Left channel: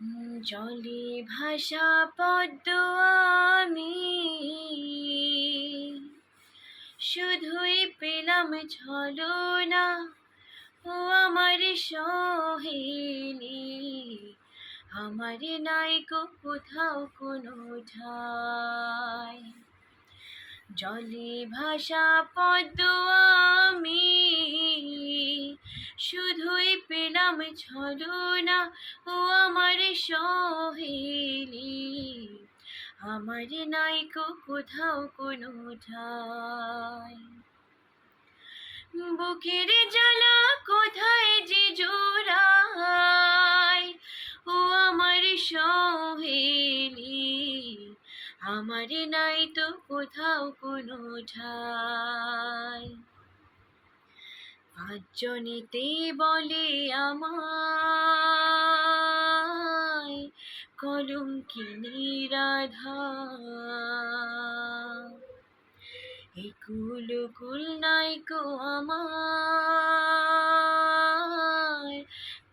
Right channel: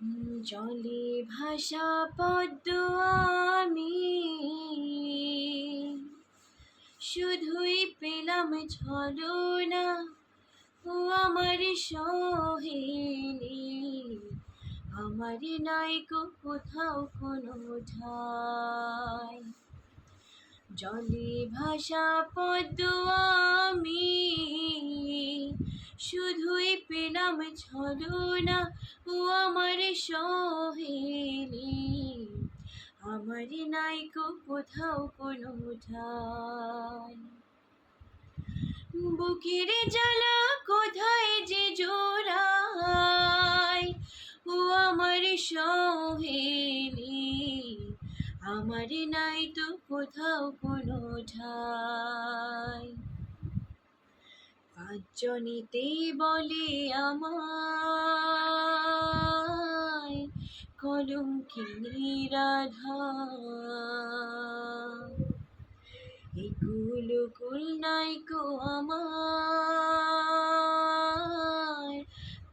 জলে ভাসা পদ্ম আমি শুধুই পেলাম ছলনা, ও আমার সহেলি, আমার নাইকো কোথাও কোনো ঠাই। জলে ভাসা পদ্ম আমি শুধুই পেলাম ছলনা, ও আমার সহেলি, আমার নাইকো কোথাও কোনো ঠাই। বুকের জ্বালা কোথায় যে জোড়ায়, ও আমার সহেলি, আমার নাই তো কোথাও কোনো ঠাই। পাঁচজনেতে বলে আমায় কলঙ্কিনী রাধা, এই কুল নাইকো আমায়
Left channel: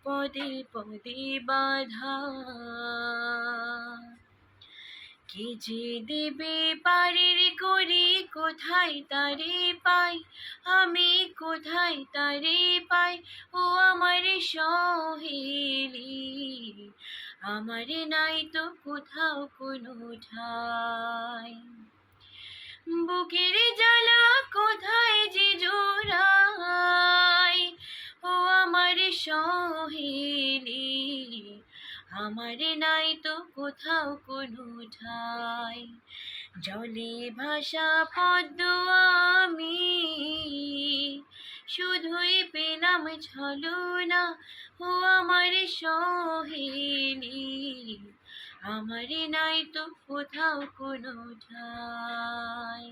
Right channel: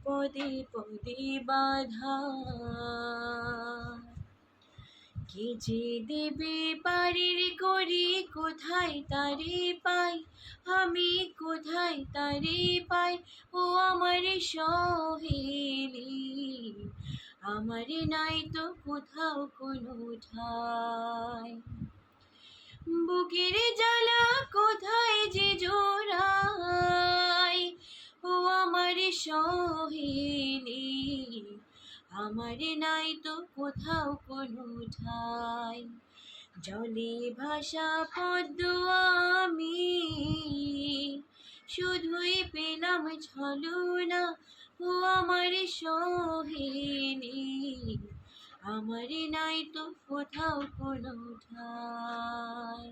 পদে পদে বাধা। কে যে দেবে পারের করি, কোথায় তারে পাই আমি, কোথায় তারে পাই, ও আমার সহেলি, আমার নাই তো কোথাও কোনো ঠাই। বুকের জ্বালা কোথায় যে জোড়ায়, ও আমার সহেলি, আমার নাই তো কোথাও কোনো ঠাই। জলে ভাসা পদ্ম আমি শুধুই পেলাম ছলনা, ও আমার সহেলি, আমার নাই তো কোথাও কোনো ঠাই।